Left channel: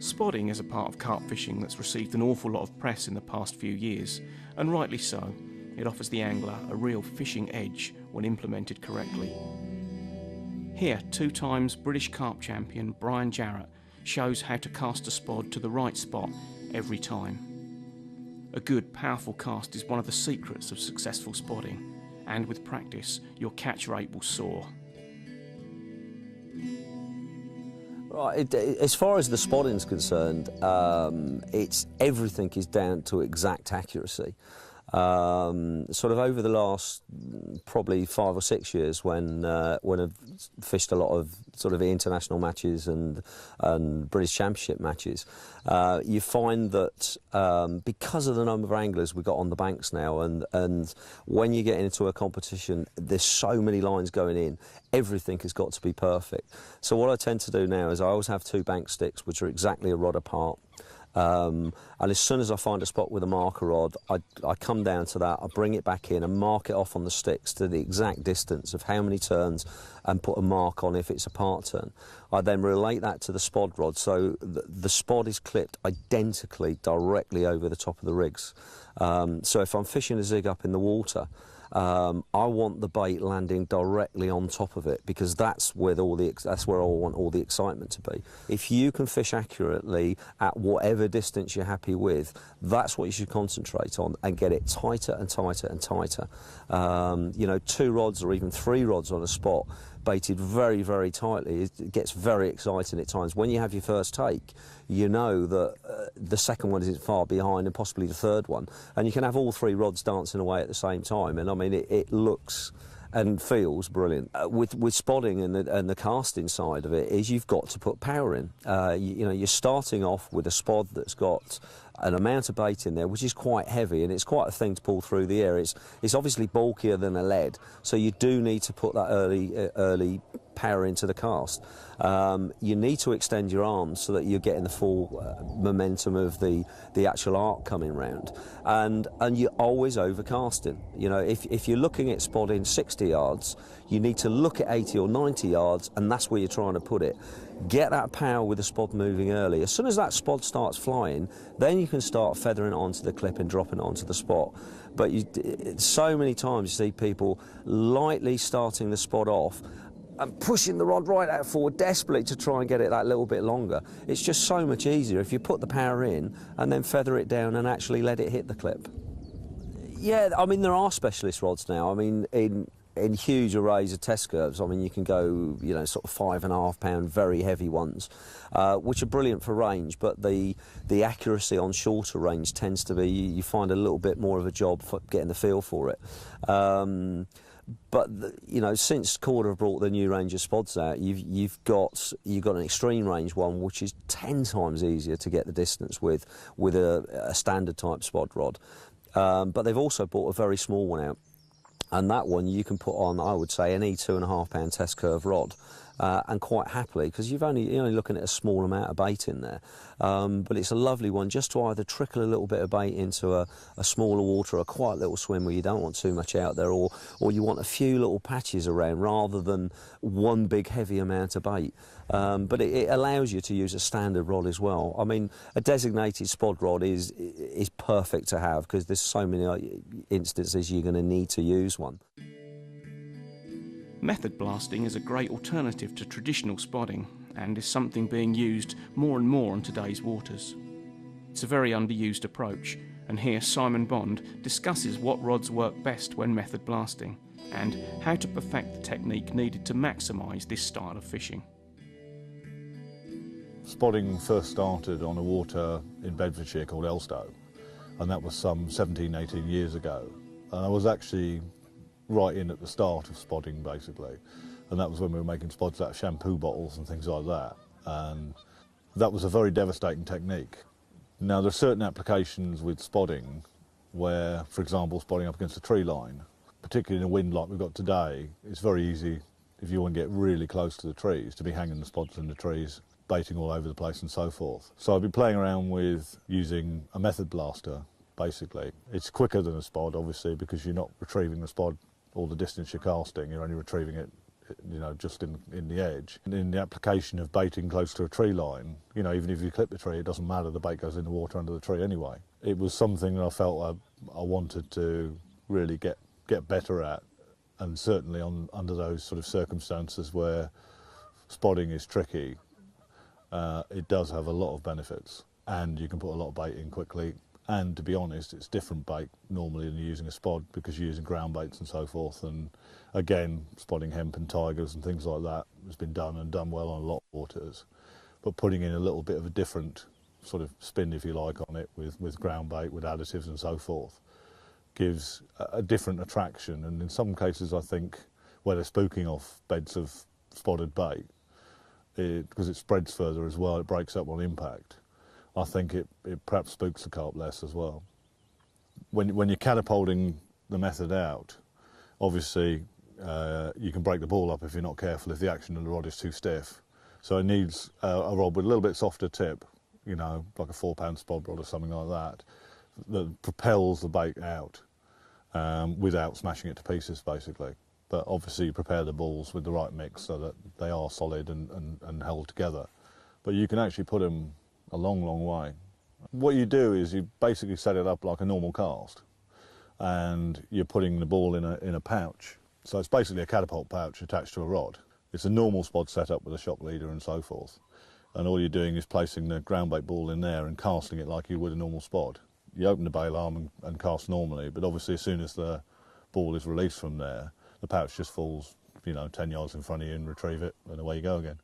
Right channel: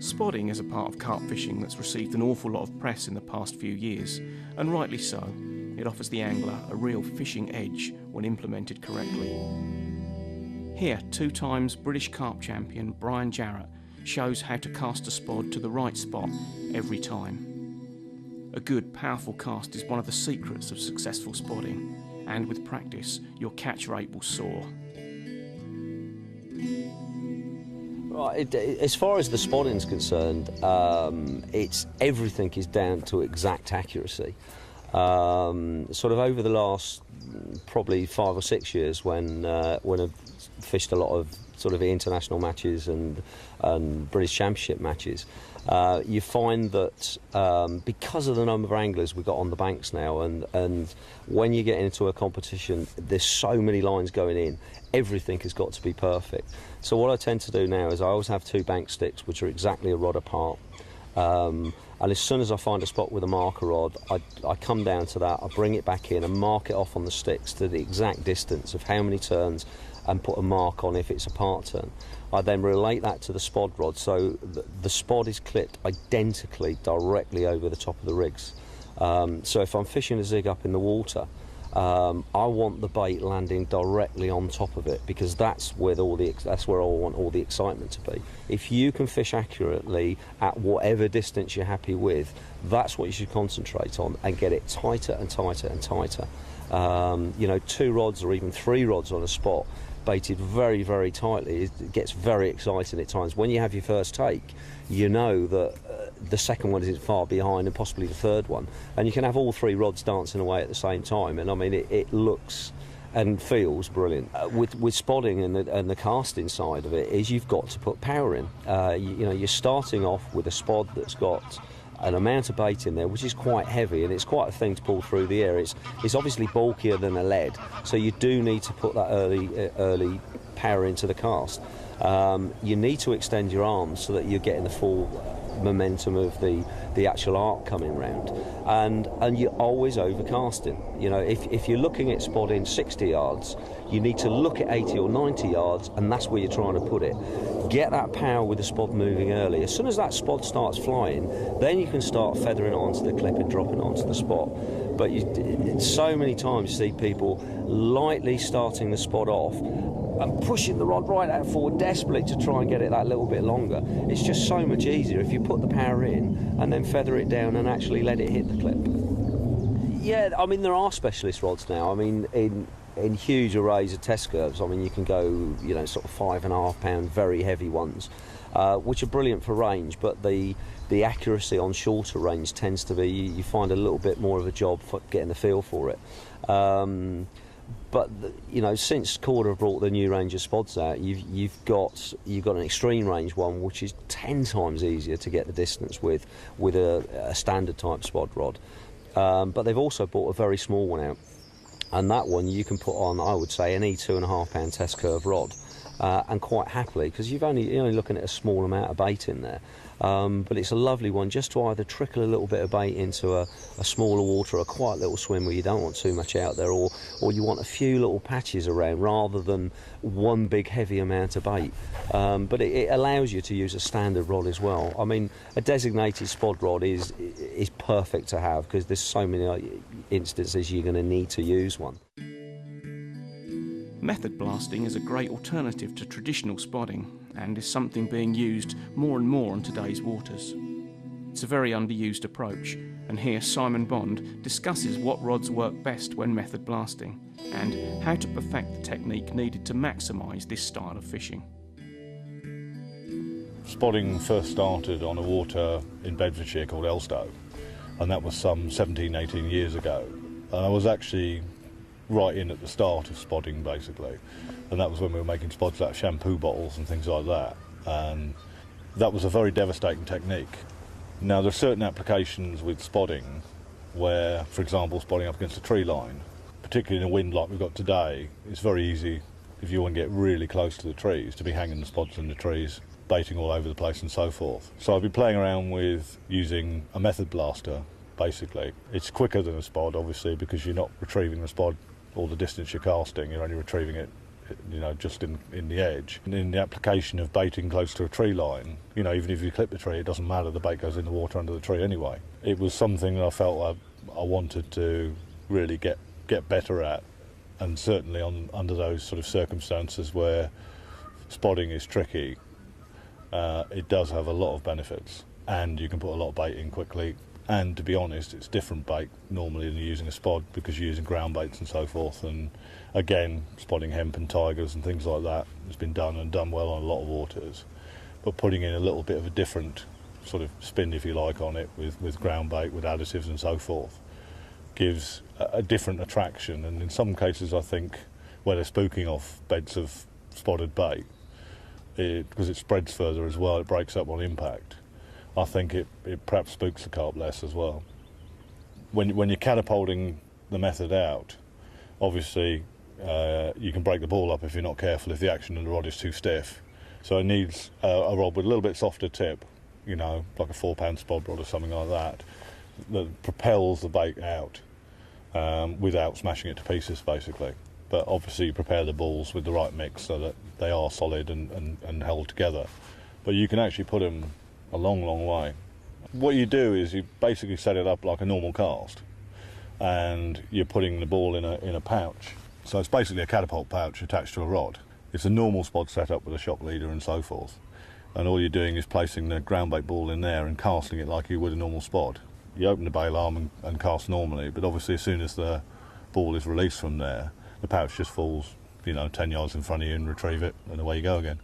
Spodding is a part of carp fishing that's received an awful lot of press in the past few years, and rightly so. It offers the angler a real fishing edge when implemented correctly. Here, 2 times British carp champion Brian Jarrett shows how to cast a spod to the right spot every time. A good, powerful cast is one of the secrets of successful spodding, and with practice, your catch rate will soar. Right, as far as the spodding's concerned, everything is down to exact accuracy. Sort of over the last probably 5 or 6 years, when I've fished a lot of sort of international matches and British Championship matches, you find that because of the number of anglers we've got on the banks now, and when you get into a competition, there's so many lines going in, everything has got to be perfect. So what I tend to do now is I always have 2 bank sticks which are exactly a rod apart. And as soon as I find a spot with a marker rod, I come down to that, I bring it back in and mark it off on the sticks to the exact distance of how many turns, and put a mark on if it's a part turn. I then relate that to the spod rod, so the spod is clipped identically directly over the top of the rigs. So if I'm fishing a zig up in the water, I want the bait landing directly on top of it, because that's where I want all the excitement to be. If you can fish accurately at whatever distance you're happy with, that's what you should concentrate on, and get it tighter and tighter and tighter. 2 rods or even 3 rods on a spot, baited very, very tightly, it gets very exciting at times. When you have your first take, you know that the second one isn't far behind, and possibly the third one, and you can have all 3 rods dancing away at the same time, and I mean it looks and feels brilliant. With spodding and the casting side of it, is you've got to put power in. You're starting off with a spod that's got an amount of bait in there which is quite heavy, and it's quite a thing to pull through the air. It's obviously bulkier than a lead, so you do need to put that early power into the cast. You need to extend your arms so that you're getting the full momentum of the actual arc coming round, and you're always overcasting. If you're looking at spodding 60 yards, you need to look at 80 or 90 yards, and that's where you're trying to put it. Get that power with the spod moving early. As soon as that spod starts flying, then you can start feathering it onto the clip and dropping it onto the spot. But so many times you see people lightly starting the spod off and pushing the rod right out forward desperately to try and get it that little bit longer. It's just so much easier if you put the power in and then feather it down and actually let it hit the clip. Yeah, I mean, there are specialist rods now. I mean, in huge arrays of test curves, I mean, you can go, sort of 5.5 pound, very heavy ones, which are brilliant for range, but the accuracy on shorter range tends to be, you find a little bit more of a job for getting the feel for it. But since Corda have brought the new range of spods out, you've got an extreme range one, which is 10 times easier to get the distance with a standard type spod rod. But they've also brought a very small one out, and that one you can put on, I would say, any 2.5 pound test curve rod, and quite happily, because you're only looking at a small amount of bait in there. But it's a lovely one just to either trickle a little bit of bait into a smaller water, a quiet little swim where you don't want too much out there, or you want a few little patches around rather than one big heavy amount of bait. But it allows you to use a standard rod as well. I mean, a designated spod rod is perfect to have, because there's so many instances you're going to need to use one. Method blasting is a great alternative to traditional spodding, and is something being used more and more on today's waters. It's a very underused approach, and here Simon Bond discusses what rods work best when method blasting, and how to perfect the technique needed to maximise this style of fishing. Spodding first started on a water in Bedfordshire called Elstow, and that was some 17, 18 years ago. And I was actually right in at the start of spodding, basically, and that was when we were making spods out of shampoo bottles and things like that, and that was a very devastating technique. Now, there are certain applications with spodding where, for example, spodding up against a tree line, particularly in a wind like we've got today, it's very easy, if you want to get really close to the trees, to be hanging the spods in the trees, baiting all over the place and so forth. So I've been playing around with using a method blaster, basically. It's quicker than a spod, obviously, because you're not retrieving the spod all the distance you're casting, you're only retrieving it you know, just in the edge. And in the application of baiting close to a tree line, you know, even if you clip the tree, it doesn't matter, the bait goes in the water under the tree anyway. It was something that I felt I wanted to really get better at, and certainly under those sort of circumstances where spodding is tricky, it does have a lot of benefits, and you can put a lot of bait in quickly. And to be honest, it's different bait normally than you're using a spod, because you're using ground baits and so forth. And again, spodding hemp and tigers and things like that has been done and done well on a lot of waters. But putting in a little bit of a different sort of spin, if you like, on it with ground bait, with additives and so forth, gives a different attraction. And in some cases, I think, where they're spooking off beds of spotted bait, because it spreads further as well, it breaks up on impact. I think it perhaps spooks the carp less as well. When you're catapulting the method out, obviously you can break the ball up if you're not careful, if the action of the rod is too stiff. So it needs a rod with a little bit softer tip, you know, like a 4-pound spod rod or something like that, that propels the bait out without smashing it to pieces, basically. But obviously you prepare the balls with the right mix so that they are solid and held together. But you can actually put them a long, long way. What you do is you basically set it up like a normal cast, and you're putting the ball in a pouch. So it's basically a catapult pouch attached to a rod. It's a normal spot set up with a shock leader and so forth. And all you're doing is placing the ground bait ball in there and casting it like you would a normal spot. You open the bail arm and cast normally, but obviously as soon as the ball is released from there, the pouch just falls, you know, 10 yards in front of you and retrieve it, and away you go again.